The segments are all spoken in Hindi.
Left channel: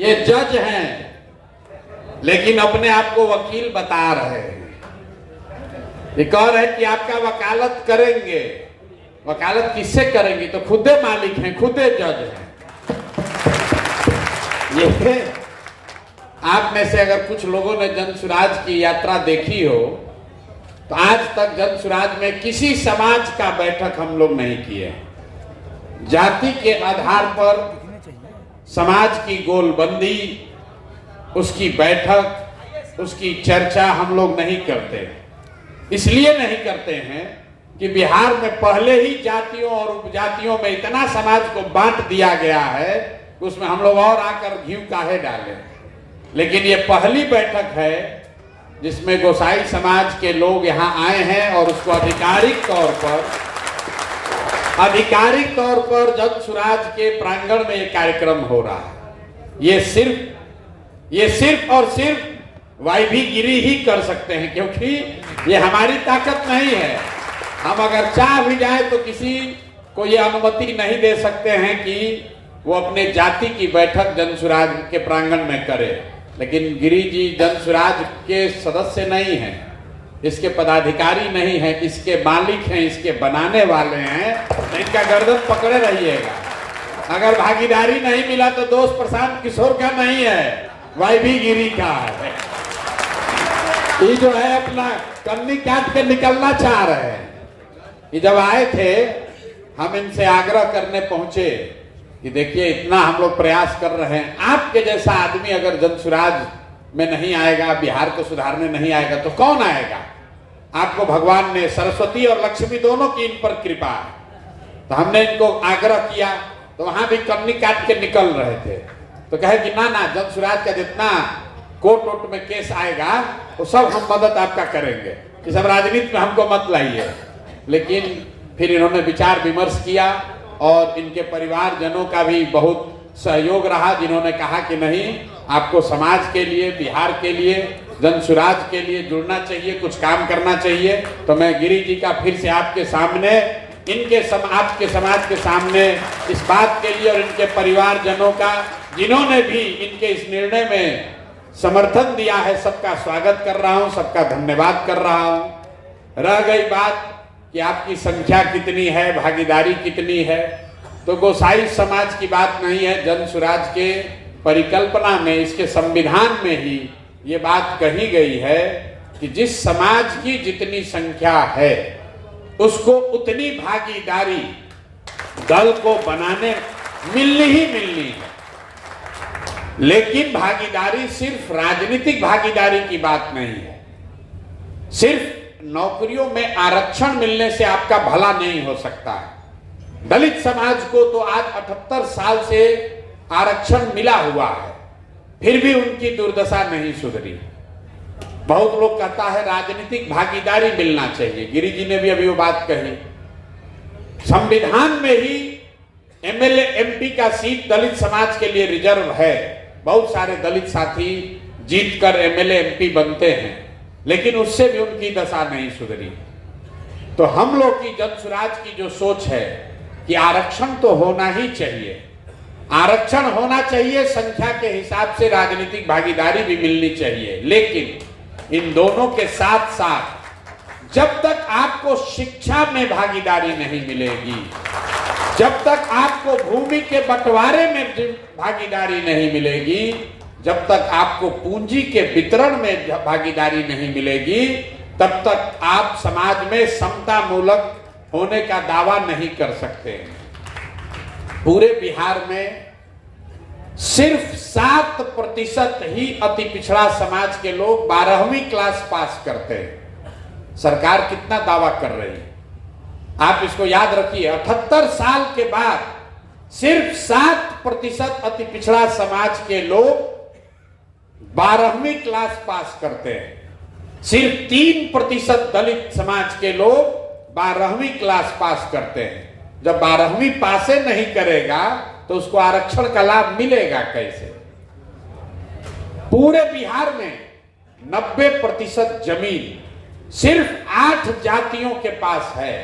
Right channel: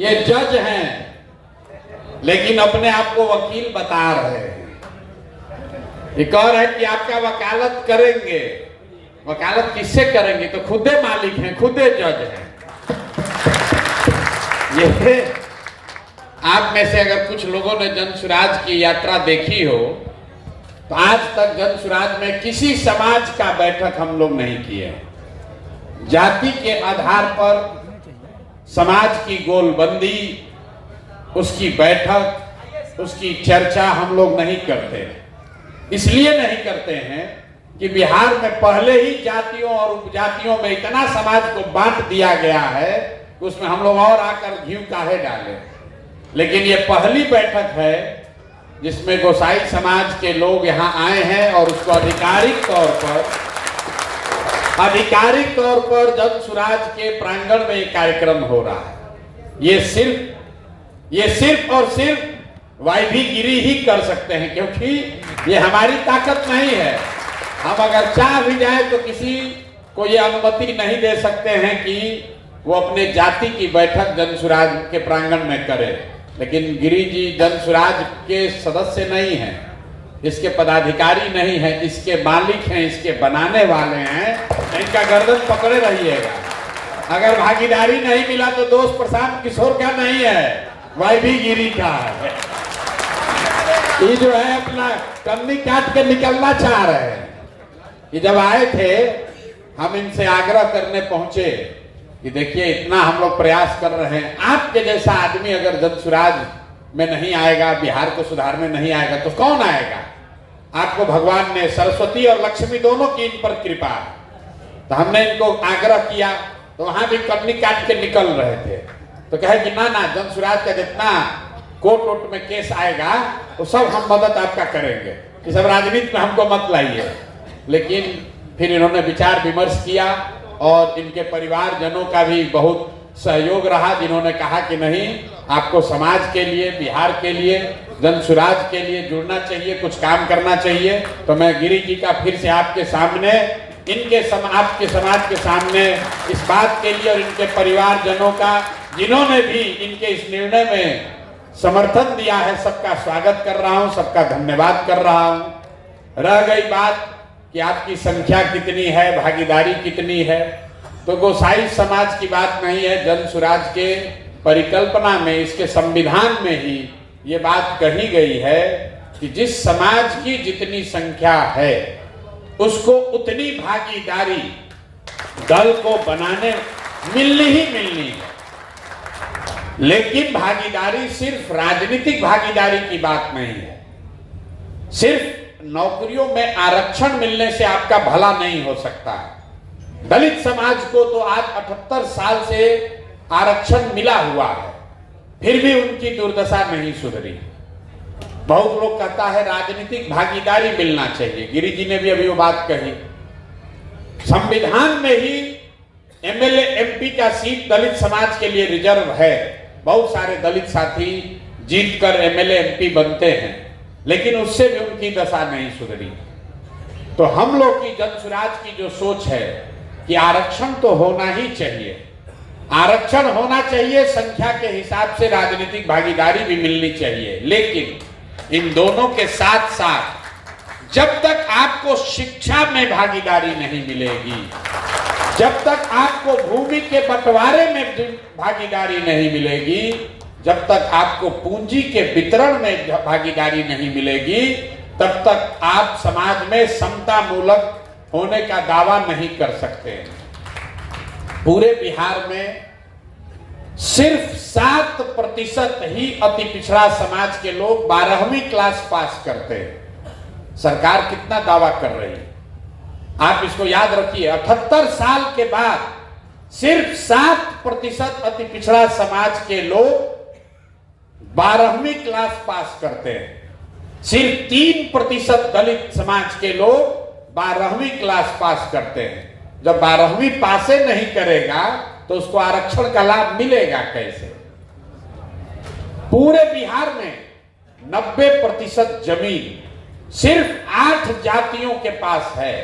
ये जज हैं लेकिन अपने आप को वकील बता रहे हैं। ये कह रहे हैं कि आपका वकालत करेंगे। वकालत किससे करेंगे? तो खुदे मालिक हैं, खुदे जज हैं। ये आप में से अगर कुछ लोगों ने जन सुराज की यात्रा देखी हो तो आज तक जन सुराज में किसी समाज का बैठक हम लोग नहीं किए। जाति के आधार पर समाज की गोलबंदी, उसकी बैठक, उसकी चर्चा हम लोग नहीं करते। इसलिए नहीं करते हैं कि बिहार में पहले ही जातियों और उपजातियों में इतना समाज को बांट दिया गया है, उसमें हम लोग और आकर घी काहे डालें। लेकिन ये पहली बैठक है जिसमें गोसाई समाज के लोग यहाँ आए हैं और उसको आधिकारिक तौर पर जन सुराज के प्रांगण में ये कार्यक्रम हो रहा है। ये सिर्फ और सिर्फ वाइभी गिरी ही कर सकते हैं, क्योंकि ये हमारी ताकत नहीं है। हम अगर चाह भी जाए तो किसी को ये अनुमति नहीं दे सकते हैं कि वो अपने जाति की बैठक जन सुराज के प्रांगण में करे। लेकिन गिरी जी जन सुराज के सदस्य नहीं हैं, इसके पदाधिकारी नहीं है, इसके मालिक हैं, इसके बनाने वाले हैं। इनका गर्दन पकड़े रहिएगा। अगर भागीदारी नहीं मिला तो दोस्त प्रशांत किशोर का नहीं है, वाइभी गिरी का है। ये जो है अपना कन्नी काट के निकलना चाह रहे हैं। ये जब आए थे हम इनसे आग्रह करने पहुंचे कि देखिए इतना हम लोग प्रयास कर रहे हैं, आपके जैसा आदमी अगर जन सुराज में नहीं आएगा, बिहार को सुधारने नहीं आएगा तो कौन आएगा? आपको भगवान ने सरस्वती और लक्ष्मी दोनों की इन पर कृपा है। तो हमने इनको आग्रह किया तो वहां भी कन्नी काट के निकल रहे थे। तो कहे कि ना जन सुराज का जितना कोर्ट में केस आएगा वो सब हम मदद आपका करेंगे, ये सब राजनीति में हमको मत लाइए। लेकिन फिर इन्होंने विचार विमर्श किया और इनके परिवारजनों का भी बहुत सहयोग रहा, जिन्होंने कहा कि नहीं, आपको समाज के लिए, बिहार के लिए, जन सुराज के लिए जुड़ना चाहिए, कुछ काम करना चाहिए। तो मैं गिरी जी का फिर से आपके सामने, आपके समाज के सामने इस बात के लिए और इनके परिवारजनों का, जिन्होंने भी इनके इस निर्णय में समर्थन दिया है, सबका स्वागत कर रहा हूं, सबका धन्यवाद कर रहा हूं। रह गई बात कि आपकी संख्या कितनी है, भागीदारी कितनी है, तो गोसाई समाज की बात नहीं है। जन सुराज के परिकल्पना में, इसके संविधान में ही ये बात कही गई है कि जिस समाज की जितनी संख्या है उसको उतनी भागीदारी दल को बनाने मिलनी ही मिलनी है। लेकिन भागीदारी सिर्फ राजनीतिक भागीदारी की बात नहीं है। सिर्फ नौकरियों में आरक्षण मिलने से आपका भला नहीं हो सकता है। दलित समाज को तो आज 78 साल से आरक्षण मिला हुआ है, फिर भी उनकी दुर्दशा नहीं सुधरी। बहुत लोग कहता है राजनीतिक भागीदारी मिलना चाहिए। गिरी जी ने भी अभी वो बात कही। संविधान में ही एमएलए एमपी का सीट दलित समाज के लिए रिजर्व है। बहुत सारे दलित साथी जीतकर एमएलए एमपी बनते हैं, लेकिन उससे भी उनकी दशा नहीं सुधरी। तो हम लोग की जन सुराज की जो सोच है कि आरक्षण तो होना ही चाहिए, आरक्षण होना चाहिए, संख्या के हिसाब से राजनीतिक भागीदारी भी मिलनी चाहिए। लेकिन इन दोनों के साथ साथ जब तक आपको शिक्षा में भागीदारी नहीं मिलेगी, जब तक आपको भूमि के बंटवारे में भागीदारी नहीं मिलेगी, जब तक आपको पूंजी के वितरण में भागीदारी नहीं मिलेगी, तब तक आप समाज में समता मूलक होने का दावा नहीं कर सकते। पूरे बिहार में सिर्फ 7% ही अति पिछड़ा समाज के लोग 12वीं क्लास पास करते हैं। सरकार कितना दावा कर रही है, आप इसको याद रखिए। 78 साल के बाद सिर्फ 7% अति पिछड़ा समाज के लोग 12वीं क्लास पास करते हैं। सिर्फ 3% दलित समाज के लोग 12वीं क्लास पास करते हैं। जब 12वीं पासे नहीं करेगा तो उसको आरक्षण का लाभ मिलेगा कैसे? पूरे बिहार में 90% जमीन सिर्फ 8 जातियों के पास है।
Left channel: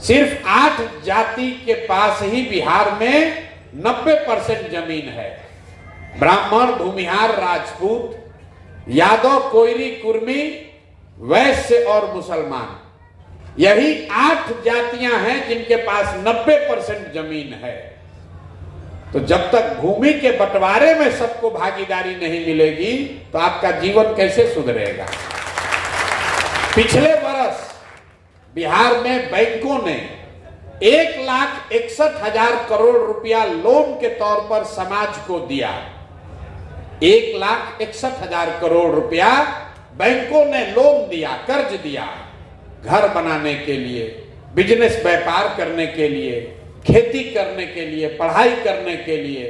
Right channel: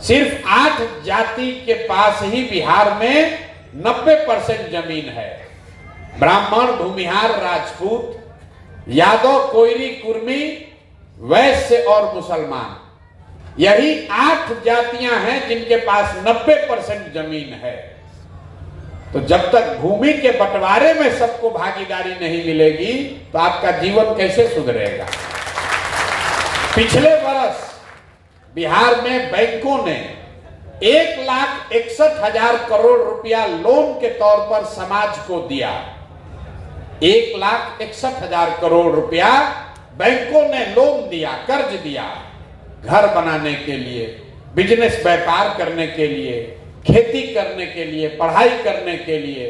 सिर्फ 8 जाति के पास ही बिहार में 90% जमीन है। ब्राह्मण, भूमिहार, राजपूत, यादव, कोयरी, कुर्मी, वैश्य और मुसलमान, यही 8 जातियां हैं जिनके पास 90% जमीन है। तो जब तक भूमि के बंटवारे में सबको भागीदारी नहीं मिलेगी तो आपका जीवन कैसे सुधरेगा। पिछले वर्ष बिहार में बैंकों ने 1,61,000 करोड़ रुपया लोन के तौर पर समाज को दिया। 1,61,000 करोड़ रुपया बैंकों ने लोन दिया, कर्ज दिया, घर बनाने के लिए, बिजनेस व्यापार करने के लिए, खेती करने के लिए, पढ़ाई करने के लिए।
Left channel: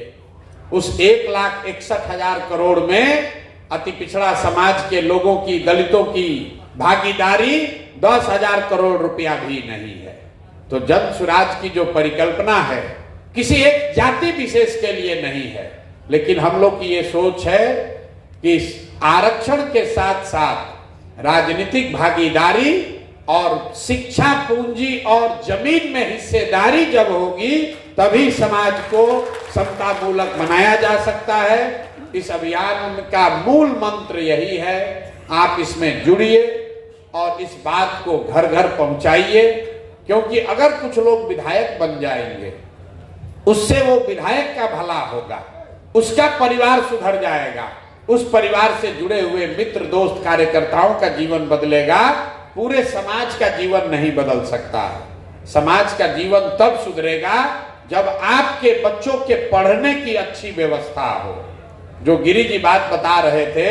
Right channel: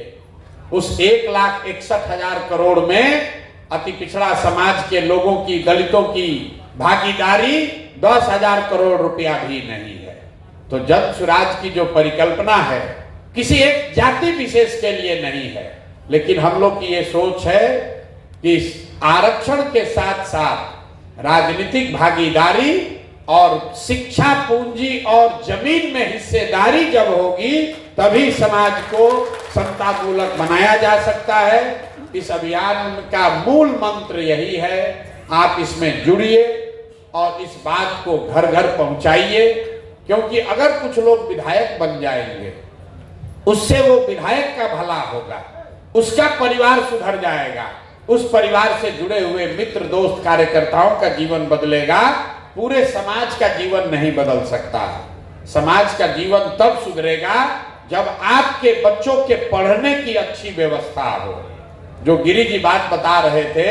उस 1,61,000 करोड़ में अति पिछड़ा समाज के लोगों की, दलितों की भागीदारी 10,000 करोड़ रुपया भी नहीं है। तो जन सुराज की जो परिकल्पना है किसी एक जाति विशेष के लिए नहीं है, लेकिन हम लोग की ये सोच है कि आरक्षण के साथ साथ राजनीतिक भागीदारी और शिक्षा, पूंजी और जमीन में हिस्सेदारी जब होगी तभी समाज को समतामूलक बनाया जा सकता है। इस अभियान का मूल मंत्र यही है, आप इसमें जुड़िए और इस बात को घर घर पहुंचाइए, क्योंकि अगर कुछ लोग विधायक बन जाएंगे उससे वो विधायक का भला होगा, उसका परिवार सुधर जाएगा, उस परिवार से जुड़े हुए मित्र, दोस्त, कार्यकर्ताओं का जीवन बदलेगा, पूरे समाज का जीवन नहीं बदल सकता। समाज का जीवन तब सुधरेगा जब आपके बच्चों के पढ़ने की अच्छी व्यवस्था हो। जो गिरी जी बात बता रहे थे,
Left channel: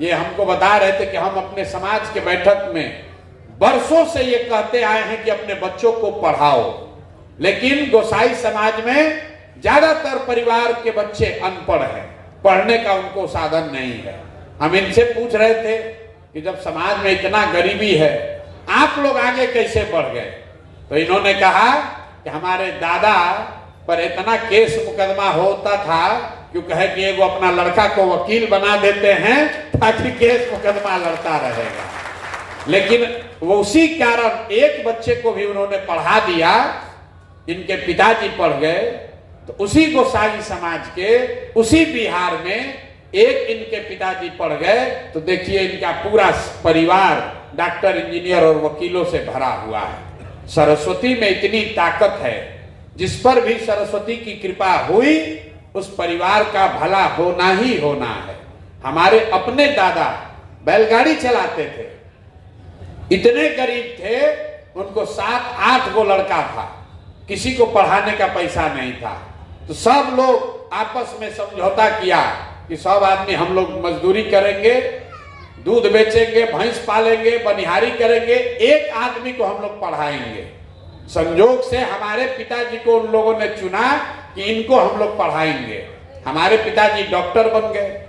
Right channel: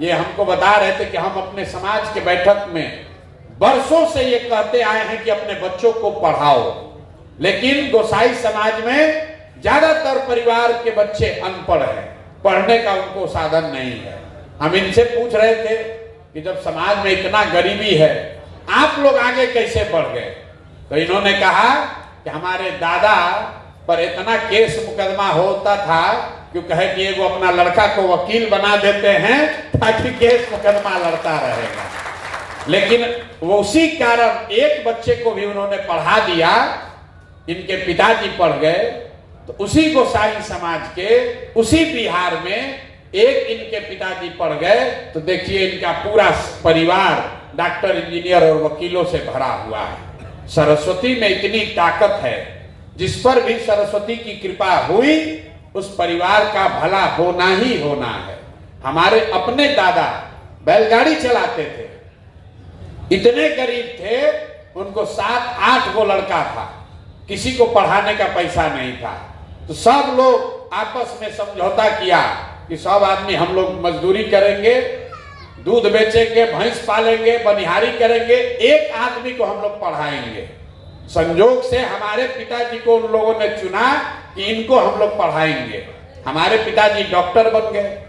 ये हमको बता रहे थे कि हम अपने समाज के बैठक में वर्षों से ये कहते आए हैं कि अपने बच्चों को पढ़ाओ, लेकिन गोसाई समाज में ज्यादातर परिवार के बच्चे अनपढ़ हैं, पढ़ने का उनको साधन नहीं है। हम इनसे पूछ रहे थे कि जब समाज में इतना गरीबी है, आप लोग आगे कैसे बढ़ गए? तो इन्होंने कहा कि हमारे दादा पर इतना केस मुकदमा होता था, क्यों कहे कि वो अपना लड़का को वकील बना देते हैं ताकि केस मुकदमा लड़ता रहेगा। लेकिन वो उसी कारण एक बच्चे को भी उन्होंने पढ़ा दिया, इनके पिताजी पढ़ गए, तो उसी गोसाई समाज के उसी बिहार में एक इनके पिताजी पढ़ गए, तो देखिए इनका पूरा परिवार डॉक्टर, इंजीनियर और वकीलों से भरा हुआ है। सरस्वती में इतनी ताकत है, जिस पर भी सरस्वती की कृपा हुई उस परिवार का भला होना ही होना है। हमारे अपने दादा बैलगाड़ी चलाते थे, इतने गरीब थे, उनको 7-8 गो लड़का था, किसी को पढ़ाने का पैसा नहीं था, तो सब लोग आपस में समझौता किया कि सब आदमी हम लोग मजदूरी करेंगे, दूध बेचेंगे, भैंस पालेंगे, बनिहारी करेंगे, एक आदमी को हम लोग पढ़ाएंगे। संजोग से हमारे पिताजी को उन लोगों ने चुना कि इनको हम लोग पढ़ाएंगे। हमारे पिताजी डॉक्टर बन गए।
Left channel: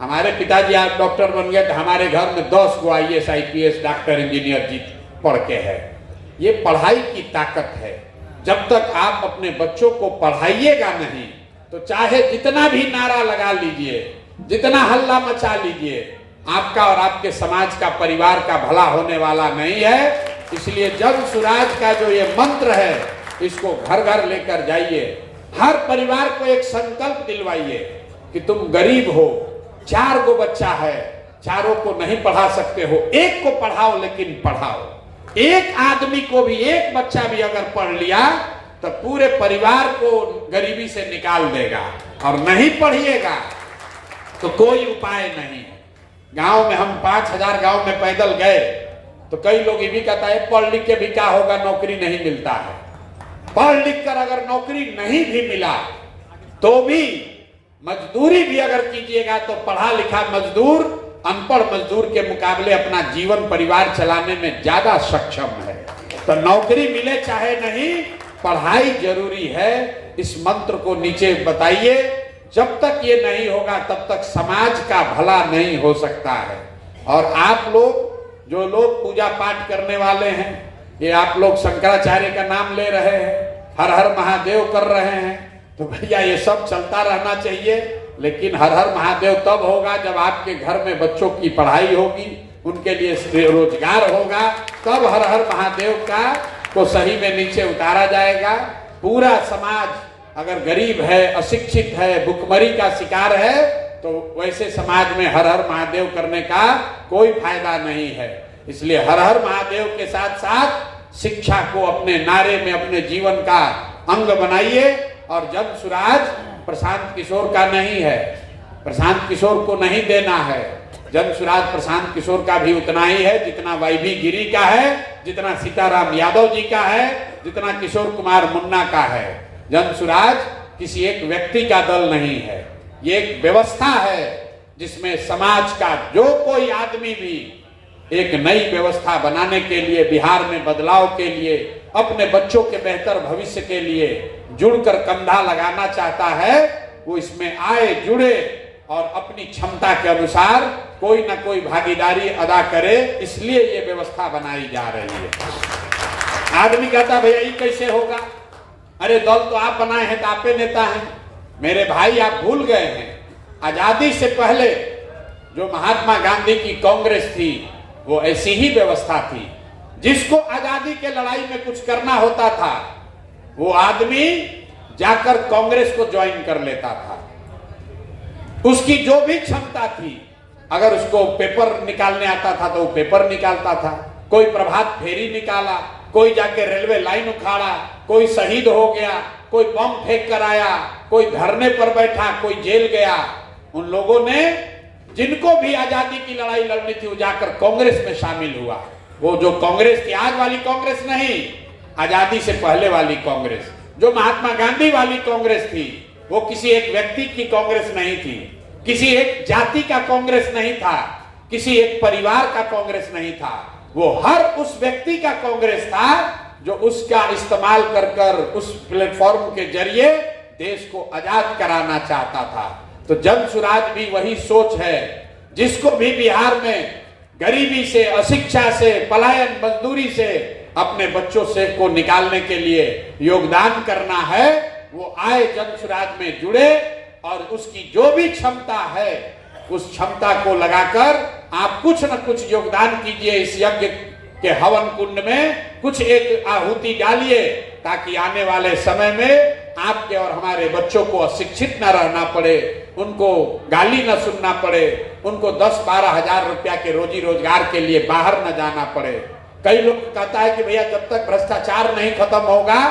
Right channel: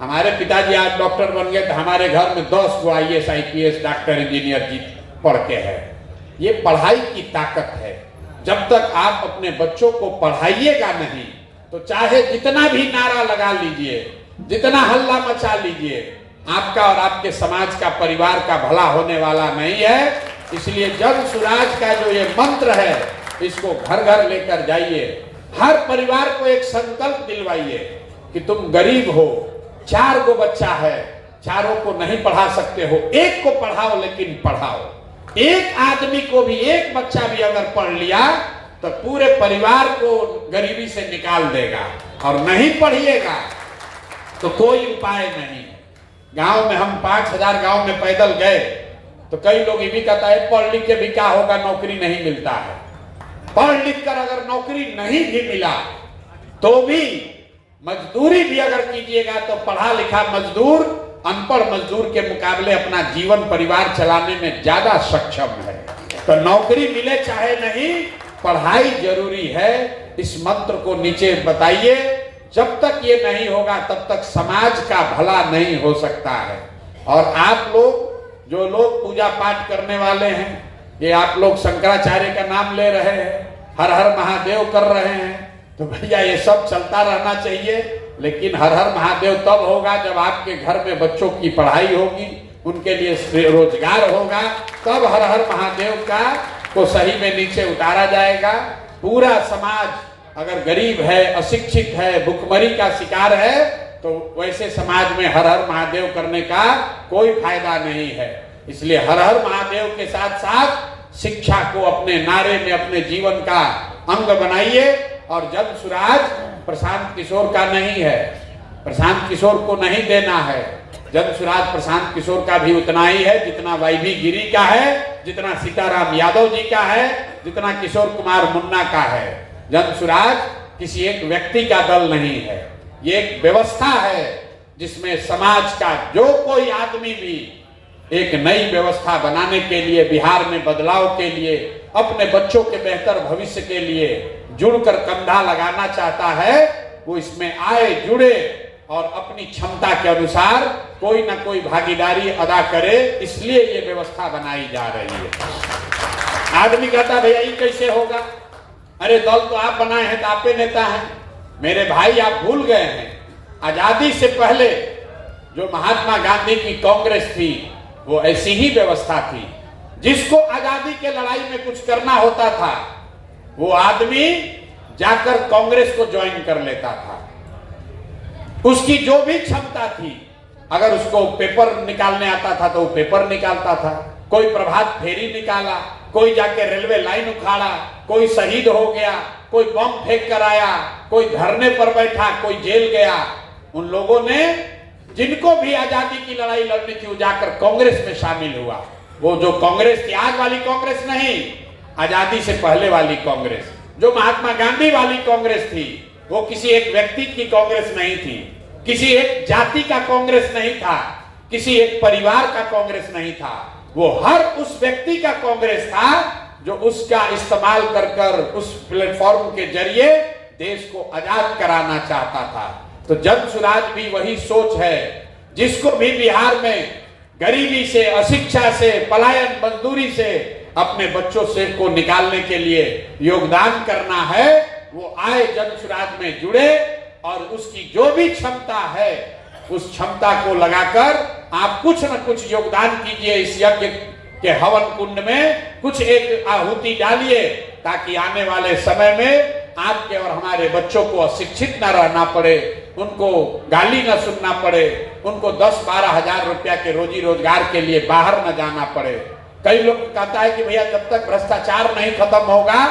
हमारे पिताजी आज डॉक्टर बन गए तो हमारे घर में 10 गो IAS, IPS, डॉक्टर, इंजीनियर जी पढ़ के है। ये पढ़ाई की ताकत है। जब तक आप अपने बच्चों को पढ़ाइएगा नहीं तो चाहे जितना भी नारा लगा लीजिए, जितना हल्ला मचा लीजिए, आपका और आपके समाज का, परिवार का भला होने वाला नहीं है। इसलिए जन सुराज का जो ये मंत्र है, इसको घर घर लेकर जाइए। हर परिवार को एक संकल्प दिलवाइए कि तुम गरीब हो, 4 गो बच्चा है, चारों को नहीं पढ़ा सकते हो, एक को पढ़ाओ, लेकिन पढ़ाओ। एक आदमी को भी, एक बच्चा भी अगर पढ़ लिया तो पूरे परिवार को गरीबी से निकाल देगा। और नहीं पढ़िएगा तो कोई उपाय नहीं है। गांव में हम 5,000 गांव में पैदल गए तो कई लोग ये भी कहता है पढ़ लिख के भी क्या होगा, नौकरी नहीं मिलता है। पढ़ लिख कर अगर नौकरी नहीं भी मिला तो भी मजदूरी भी अगर कीजिएगा तो पढ़ा लिखा मजदूर अनपढ़ मजदूर के मुकाबले अपना जीवन, परिवार चलाने में ज्यादा सक्षम है। तो नौकरी मिले चाहे नहीं, पढ़ाई जरूरी है। इस मंत्र को नीचे बताइए। जब तक ये नहीं होगा तब तक समाज का भला नहीं हो सकता है। और आप लोग, जो लोग पूजा पाठ करने वाले हैं, ये आप लोग शंकराचार्य का नाम ले रहे हैं, हर हर महादेव कर रहे हैं, तो भैया ये सब चलता रहना चाहिए। लेकिन हर हर महादेव तब होगा जब आपके घर में बच्चों की पढ़ाई होगी, उनके लिए रोजगार होगा, तब हर हर महादेव का को सही में नीचे उतारा जाएगा। पूरा समाज अगर गरीब है, अशिक्षित है, भुखमरी का शिकार है, तो वैसे समाज में हर हर महादेव करने का कोई फायदा नहीं है। इसलिए हर हर महादेव के साथ साथ शिक्षा को अपने नारे में, अपने जीवन का अंग बनाइए। और जन सुराज प्रशांत किशोर का नहीं है, प्रशांत किशोर को नहीं देना है। जन सुराज प्रशांत किशोर का भी उतना ही है जितना वाईवी गिरी का है, जितना सीताराम यादव जी का है, जितना किशोर कुमार मुन्ना का है। जन सुराज किसी एक व्यक्ति का दल नहीं है, ये एक व्यवस्था है जिसमें समाज का जो कोई आदमी भी एक नई व्यवस्था बनाने के लिए, बिहार में बदलाव के लिए, अपने बच्चों के बेहतर भविष्य के लिए जुड़कर कंधा लगाना चाहता है, वो इसमें आए, जुड़े और अपनी क्षमता के अनुसार कोई ना कोई भागीदारी अदा करे। इसलिए ये व्यवस्था बनाई जा रही है। आदमी कहता भैया ये कैसे होगा, अरे दल तो आप बनाए हैं, तो आपे नेता हैं। मेरे भाई आप भूल गए हैं, आजादी से पहले जो महात्मा गांधी की कांग्रेस थी वो ऐसी ही व्यवस्था थी। जिसको आजादी के लड़ाई में कुछ करना होता था वो आदमी जाकर कांग्रेस को ज्वाइन कर लेता था। उसकी जो भी क्षमता थी, अगर उसको पेपर निकालने आता था तो वो पेपर निकालता था, कोई प्रभात फेरी निकाला, कोई जाके रेलवे लाइन उखाड़ा, कोई शहीद हो गया, कोई बम फेंक कर आया, कोई धरने पर बैठा, कोई जेल गया। उन लोगों ने जिनको भी आजादी की लड़ाई लड़नी थी वो जाकर कांग्रेस में शामिल हुआ। वो जो कांग्रेस थी, आज वाली कांग्रेस नहीं, आजादी से पहले वाली कांग्रेस, जो महात्मा गांधी वाली कांग्रेस थी, वो किसी एक व्यक्ति की कांग्रेस नहीं थी, किसी एक जाति का कांग्रेस नहीं था, किसी एक परिवार का कांग्रेस नहीं था। वो हर उस व्यक्ति का कांग्रेस था जो उसका इस्तेमाल कर कर उस प्लेटफॉर्म के जरिए देश को आजाद कराना चाहता था। तो जन सुराज भी वही सोच है। जिसको भी बिहार में गरीबी से, अशिक्षा से, पलायन, मजदूरी से अपने बच्चों से को निकालने के लिए योगदान करना है, वो आए, जन सुराज में जुड़े और उसकी जो भी क्षमता है उस क्षमता को लगाकर आप कुछ न कुछ योगदान कीजिए। इस यज्ञ के हवन कुंड में कुछ एक आहुति डालिए, ताकि आने वाले समय में आपके और हमारे बच्चों को अशिक्षित न रहना पड़े, उनको गाली न सुनना पड़े, उनको 10-12 हजार रुपया के रोजी रोजगार के लिए बाहर न जाना पड़े। कई लोग कहता है कि भैया जब तक भ्रष्टाचार नहीं खत्म होगा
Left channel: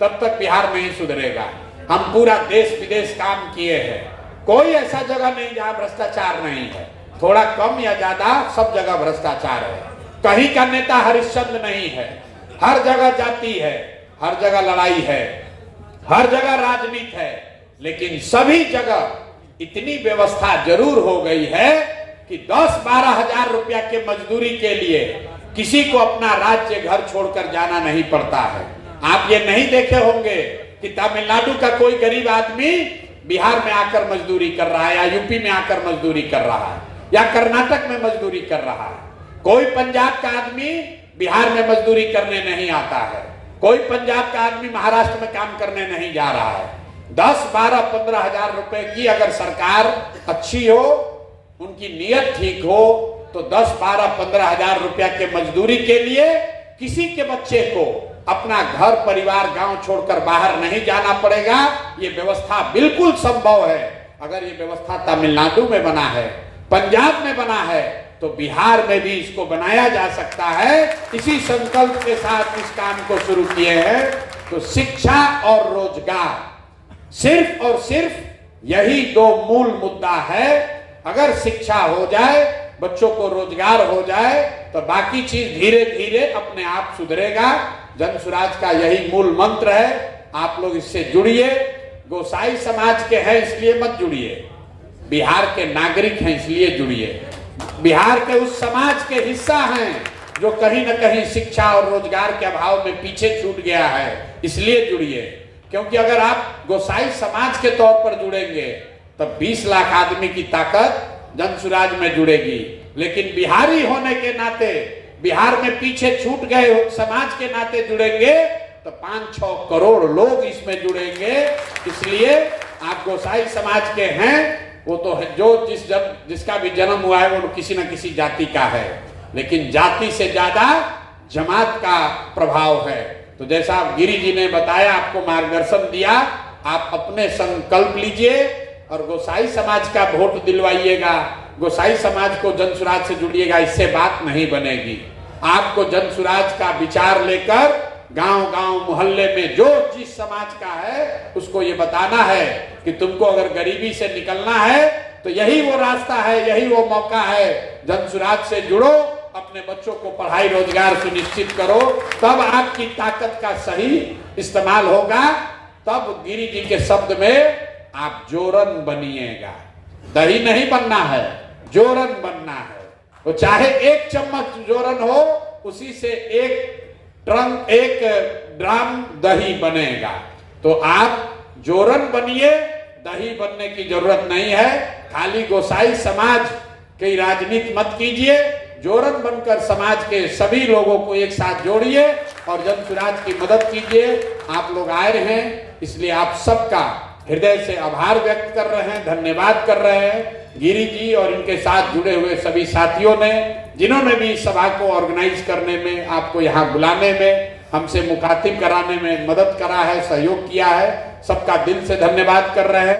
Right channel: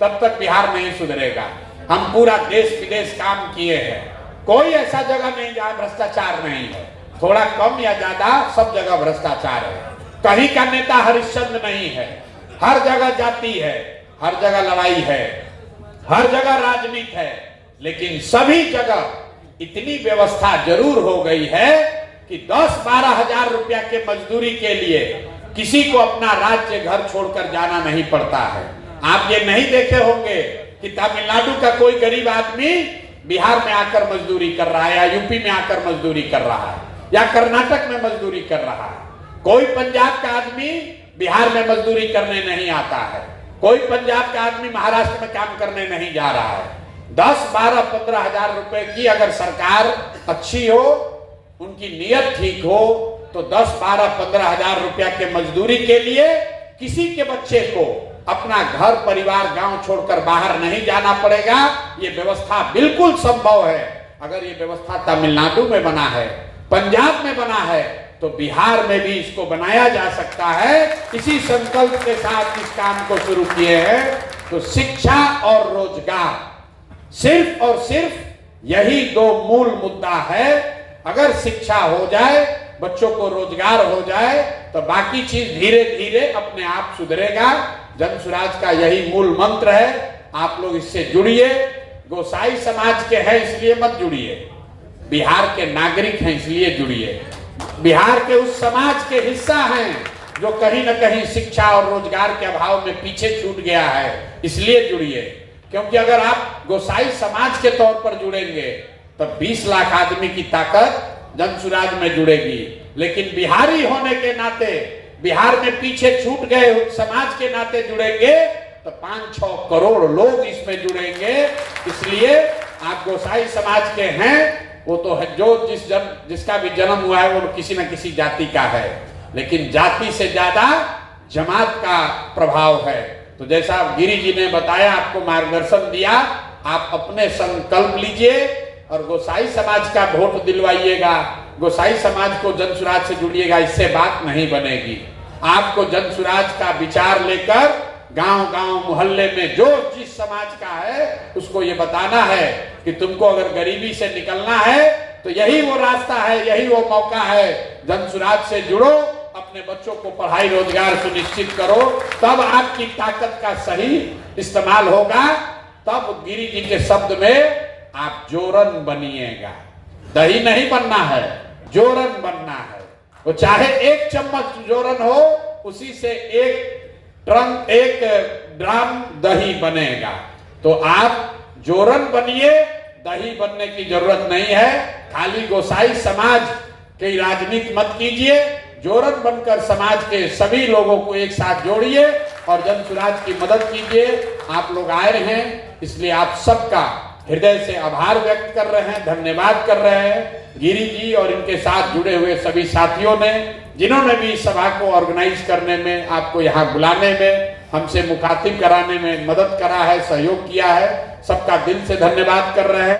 तब तक बिहार नहीं सुधरेगा। हम पूरा देश विदेश काम किए हैं, कोई ऐसा जगह नहीं जहां भ्रष्टाचार नहीं है। थोड़ा कम या ज्यादा सब जगह भ्रष्टाचार है। कहीं का नेता हरिश्चंद्र नहीं है, हर जगह जाति है, हर जगह लड़ाई है, हर जगह राजनीति है। लेकिन सभी जगह इतनी व्यवस्था जरूर हो गई है कि 10-12 हजार रुपया के मजदूरी के लिए किसी को अपना राज्य घर छोड़कर जाना नहीं पड़ता है। आप ये नहीं देखे होंगे कि तमिलनाडु का कोई गरीब आदमी बिहार में आकर मजदूरी कर रहा है, या यूपी में आकर मजदूरी कर रहा है, या कर्नाटक में मजदूरी कर रहा है। कोई पंजाब का आदमी बिहार में मजदूरी करने नहीं आता है, कोई पंजाब का आदमी महाराष्ट्र में काम करने नहीं जा रहा है। 10-12-15 हजार रुपए की अगर सरकार अच्छी हो, उनकी नीयत ठीक हो, तो 10-12-15 हजार रुपया के मजदूरी के लिए किसी के बच्चे को अपना घर परिवार गांव छोड़कर बाहर नहीं जाना पड़ेगा। ये व्यवस्था बिल्कुल संभव है। अगर ये व्यवस्था तमिलनाडु में बना है, पंजाब में बना है, तो बिहार में भी इसको बनाया जा सकता है। इसी संकल्प के साथ इस काम को शुरू किए हैं। तो शिक्षा और रोजगार, सिर्फ और सिर्फ यही दो मूल मुद्दा है। अगर शिक्षा हो जाए, बच्चों को रोजगार हो जाए, तो बाकी चीज धीरे धीरे अपने आप सुधरेगा। जन सुराज का यही मूल मंत्र है। आप लोग इससे जुड़िए। गोसाई समाज के हैं इसलिए मत जुड़िए, बिहार के नागरिक हैं इसलिए जुड़िए, बिहार के उस समाज के हिस्सा हैं जो कहीं न कहीं शिक्षा और रोजगार के अभाव में पीछे छूट गया है, इसलिए जुड़िए। क्योंकि अगर आप गोसाई समाज के तौर पर जुड़ेंगे तब 20 लाख आदमी की ताकत जन सुराज में जुड़ेगी। लेकिन बिहारी होने के नाते, बिहार में पीछे छूट गए समाज के नाते जुड़ेंगे तो 5-6 करोड़ लोग इसमें जुड़ेंगे। इसलिए आप गोसाई समाज के हैं, वो तो है जो जिसका भी जन्म हुआ है वो किसी न किसी जाति का है, लेकिन जाति से ज्यादा जमात का प्रभाव है। तो जैसा गिरी जी ने बताया, आपको मार्गदर्शन दिया, आप अपने संकल्प लीजिए और गोसाई समाज का वोट दिलवाइएगा। गोसाई समाज को जनसुराज से जुड़िएगा, इससे बात नहीं बनेगी। आपको जनसुराज का विचार लेकर गांव-गांव मोहल्ले में जो जिस समाज का है उसको ये बताना है कि तुमको अगर गरीबी से निकलना है तो यही वो रास्ता है, यही वो मौका है। जनसुराज से जुड़ो, अपने बच्चों को पढ़ाई रोजगार सुनिश्चित करो, तब आपकी ताकत का सही इस्तेमाल होगा। तब गिरी जी के शब्द में आप जोरन बनिएगा, दही नहीं बनना है, जोरन बनना है। वो चाहे 1 चम्मच जोरन हो, उसी से 1 ड्राम दही बनेगा। तो आप जोरन बनिए, दही बनने की जरूरत नहीं है। खाली गोसाई समाज की राजनीति मत कीजिए, जोरन बनकर समाज के सभी लोगों को एक साथ जोड़िए और जनसुराज की मदद कीजिए। आप लोग आए हैं, इसलिए आप सबका हृदय से आभार व्यक्त कर रहे हैं, धन्यवाद कर रहे हैं गिरी जी और इनके साथ जुड़े हुए सभी साथियों ने, जिन्होंने भी सभा को ऑर्गेनाइज करने में, आपको यहाँ बुलाने में, हमसे मुखातिब कराने में मदद करा है, सहयोग किया है। सबका दिल से धन्यवाद कर रहे हैं।